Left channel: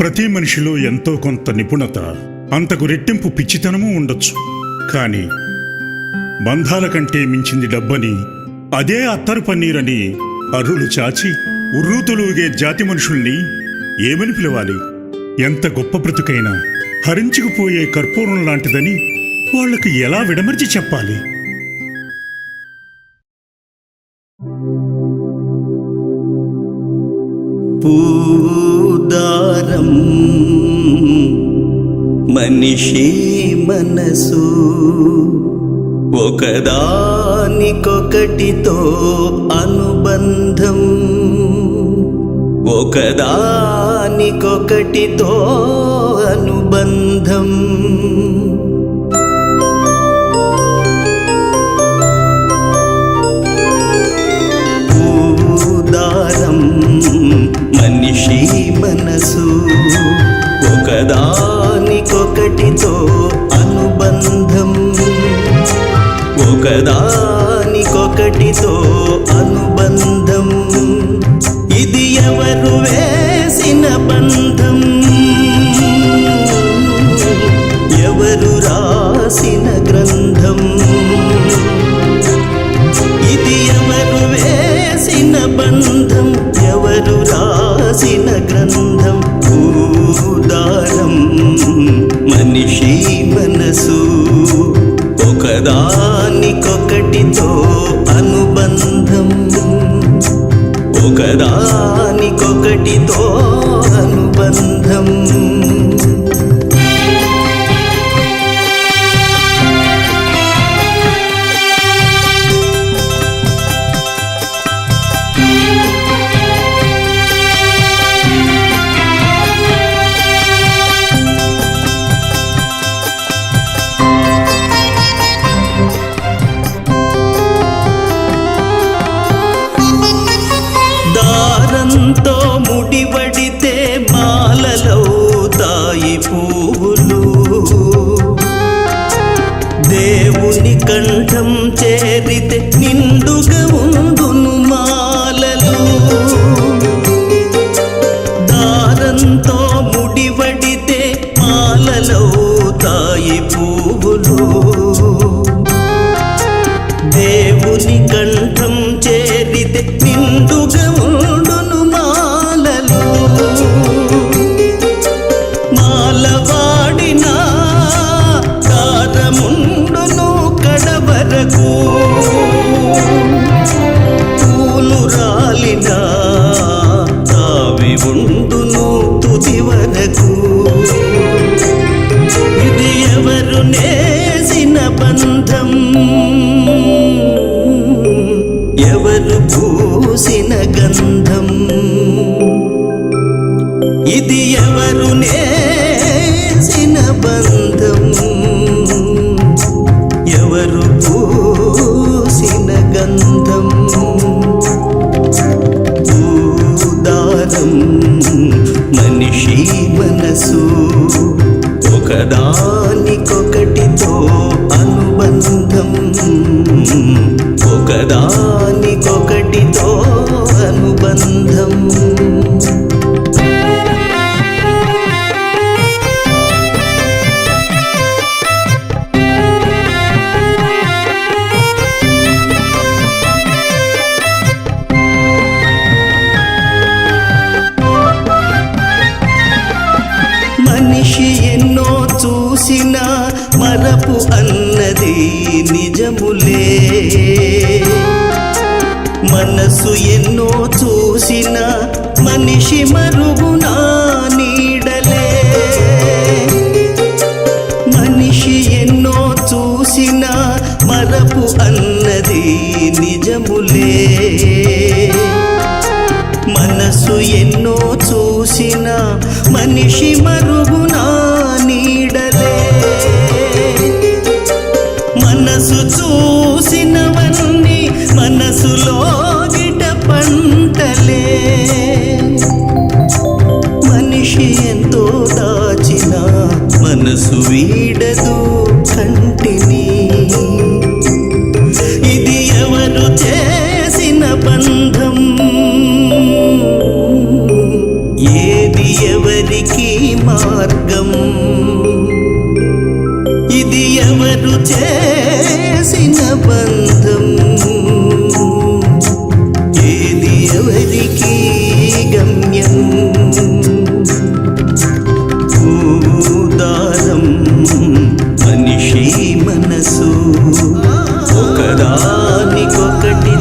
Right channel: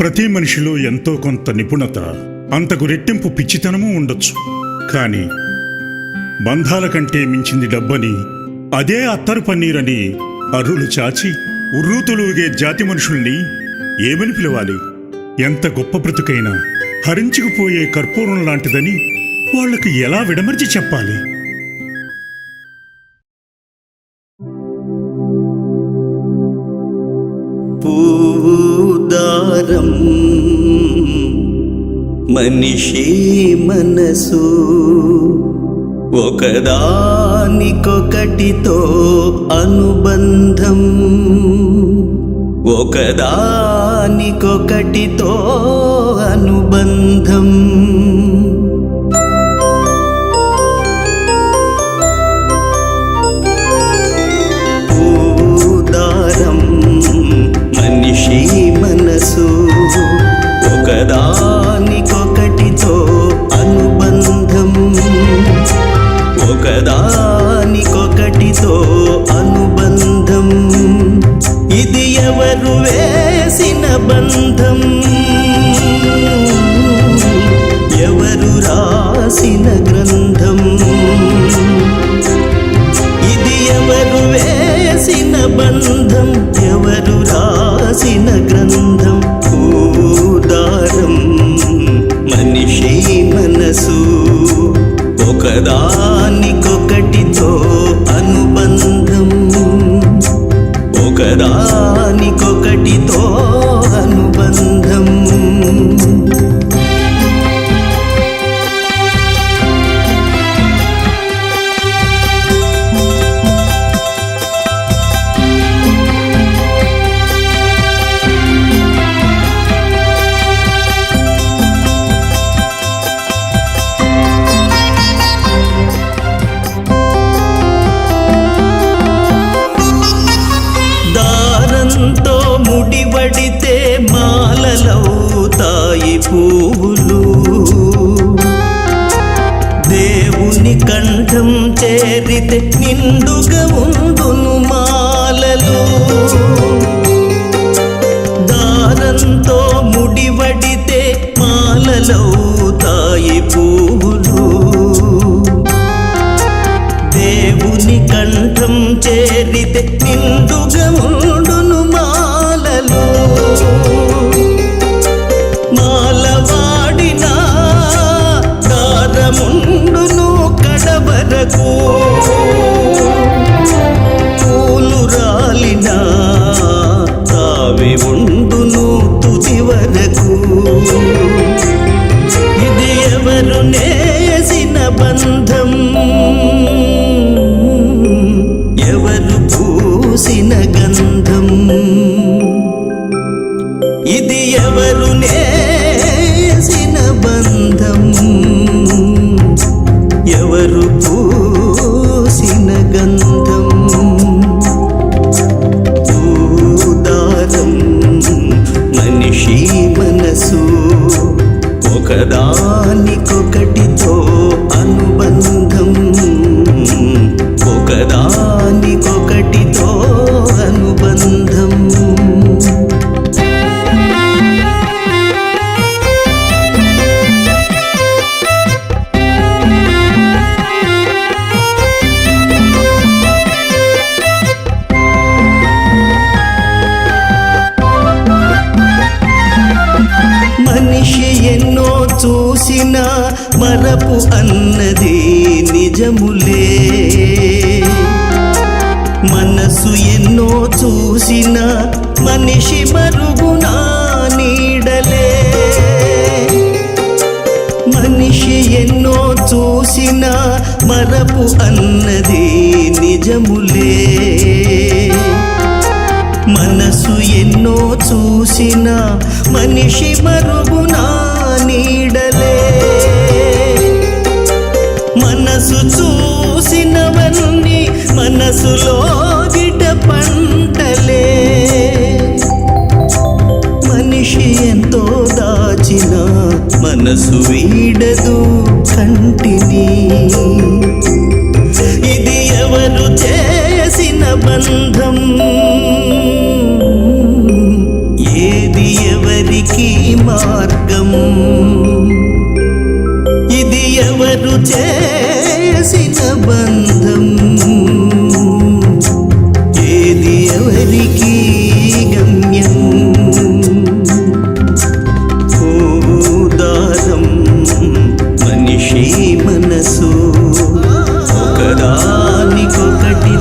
ప్రతి మనిషిలో ఎంతో కొంత నిపుణత, అంతకు రెట్టింపు పిచ్చితనమూ ఉండొచ్చు. కానీ బంధాల కంటే మించింది డబ్బని, అదే అత్తరు పన్నీరని అర్రులు చాచి ఉర్రూతులుగే జాతి మనుషుల్ని ఏమని పిలవాలి? ఎంత గొప్ప బ్రతుకైనా హరించుకుపోయే కర్పూరం లాంటిదని వాళ్లకు ఎలా విడమర్చి చెప్పాలి? పూదారం మనిషి మనసు ఒకదానికొకటితో అనుబంధం, ఒకదానికొకటితో అనుబంధం. పూదారం మనిషి మనసు ఒకదానికొకటితో అనుబంధం, ఒకదానికొకటితో అనుబంధం. ఇది ఎవరు వేసిన బంధం, ఎవరు రాసిన గ్రంథం? ఇది ఎవరు వేసిన బంధం, ఎవరు రాసిన గ్రంథం? పూదారం మనిషి మనసు ఒకదానికొకటితో అనుబంధం, ఒకదానికొకటితో అనుబంధం. దారంతో ముడివడితే మాలలవుతాయి పువ్వులు, దేవుని కంఠం చేరితే నిండుగా ఉండును మాలలు. దారంతో ముడివడితే మాలలవుతాయి పువ్వులు, దేవుని కంఠం చేరితే నిండుగా ఉండును మాలలు. మాలవాడినా దారముండును కడవరకు, పూలు రాలినా తావి ఉండును తుది వరకు. ఇది ఎవరు నేసిన బంధం, ఎవరు పూసిన గంధం? ఇది ఎవరు నేసిన బంధం, ఎవరు పూసిన గంధం? పూదారం మనిషి మనసు ఒకదానికొకటితో అనుబంధం, ఒకదానికొకటితో అనుబంధం. మనిషి ఎన్నో చూసినా మరపు అన్నది నిజములే, మనసు ఎన్నో చూసినా మనిషి మరుగునా నీడలే. మనిషి ఎన్నో చూసినా మరపు అన్నది నిజములే, మనసు ఎన్నో చూసినా మనిషి మరుగునా నీడలే. మనసు చూసినవన్నీ మనసులో గిట పంటలే. మనిషి ఎంతో దాచినా మనసు వీడదు కంటిని. ఇది ఎవరు చేసిన బంధం, ఏది ఎవరికి మార్గం ఇది ఎవరు చేసిన బంధం ఏది ఎవరికి గమ్యం దారం మనిషి మనసు ఒకదానికొకటి